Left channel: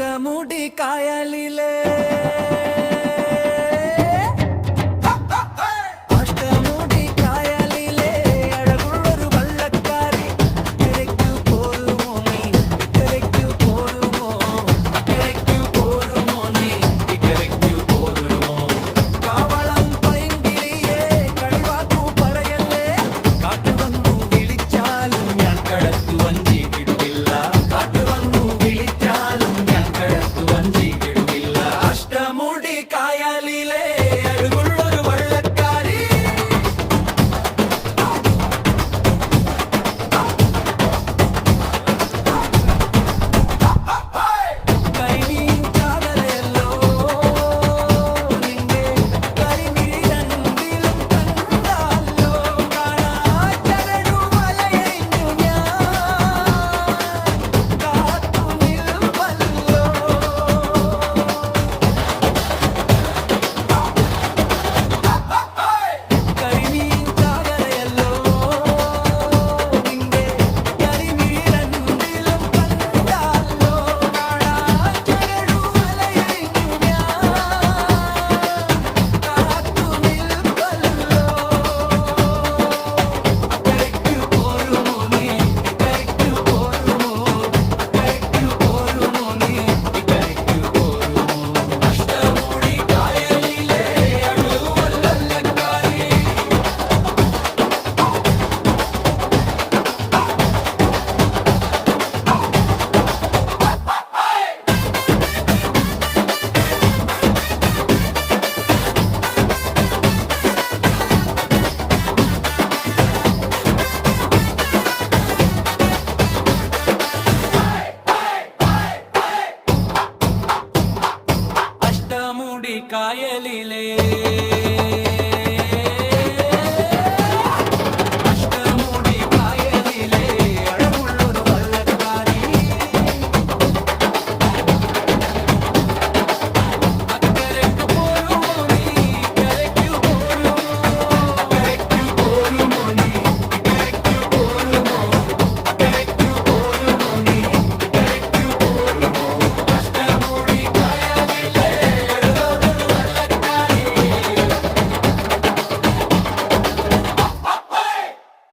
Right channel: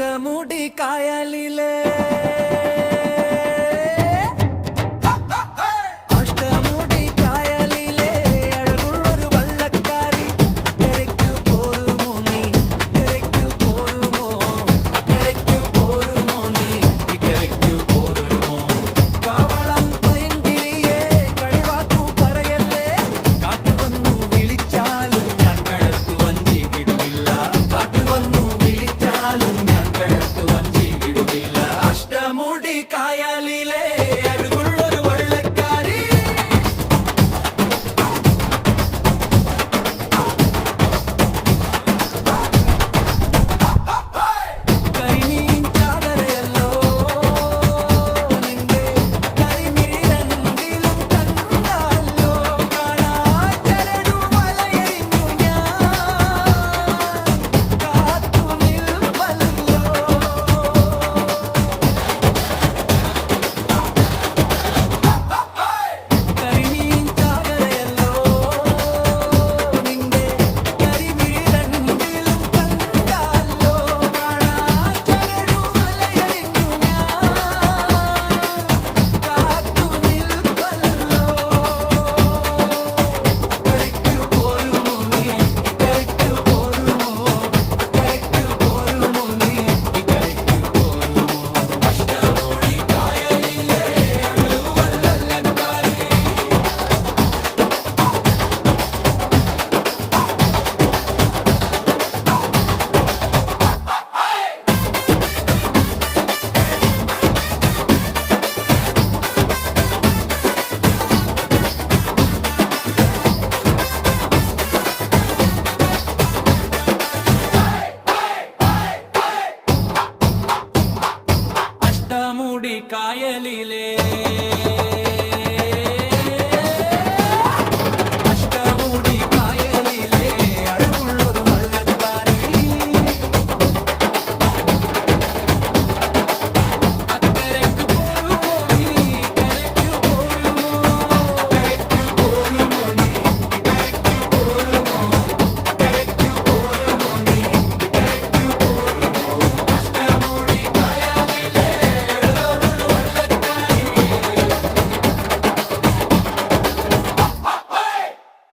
അഷ്ടമുടി കായലിലെ അഷ്ടമുടി കായലിലെ അഴകുള്ളൊരു വള്ളക്കാരി തിരക്കു പോരുമോ നീ തിരക്കു പോരുമോ തിരക്കു പോരുമോ നീ തിരക്കു പോരുമോ കാവളം പൈങ്കിളിയെ കളിവാക്കു പറയല്ലേ കാട്ടുവന്നു വിളിച്ചാലും ഞാൻ കടത്തു വഞ്ചി വിടുകില്ല കാട്ടുവന്നു വിളിച്ചാലും ഞാൻ കടത്തു വഞ്ചി വിടുകില്ല അഷ്ടമുടി കായലിലെ അഴകുള്ളൊരു വള്ളക്കാരി കരിമീൻ ചാകരയല്ലോ നിന്റെ കരിമിഴി രണ്ടിലും കണ്ടാലോ കാണാ ചരടു വലയഴിഞ്ഞു ഞാൻ കാത്തു നിൽപ്പല്ലോ കരിമീൻ ചാകരയല്ലോ നിന്റെ കരിമിഴി രണ്ടിലും കണ്ടാലോ കാണാ ചരടു വലയഴിഞ്ഞു ഞാൻ കാത്തു നിൽപ്പല്ലോ അക്കരയ്ക്കു പോരുമോ നീ ഇക്കരയ്ക്കു പോരുമോ അക്കരയ്ക്കു പോരുമോ നീ ഇക്കരയ്ക്കു പോരുമോ അഷ്ടമുടി കായലിലെ അഴുവല്ലക്കാരി അഷ്ടമുടി കായലിലെ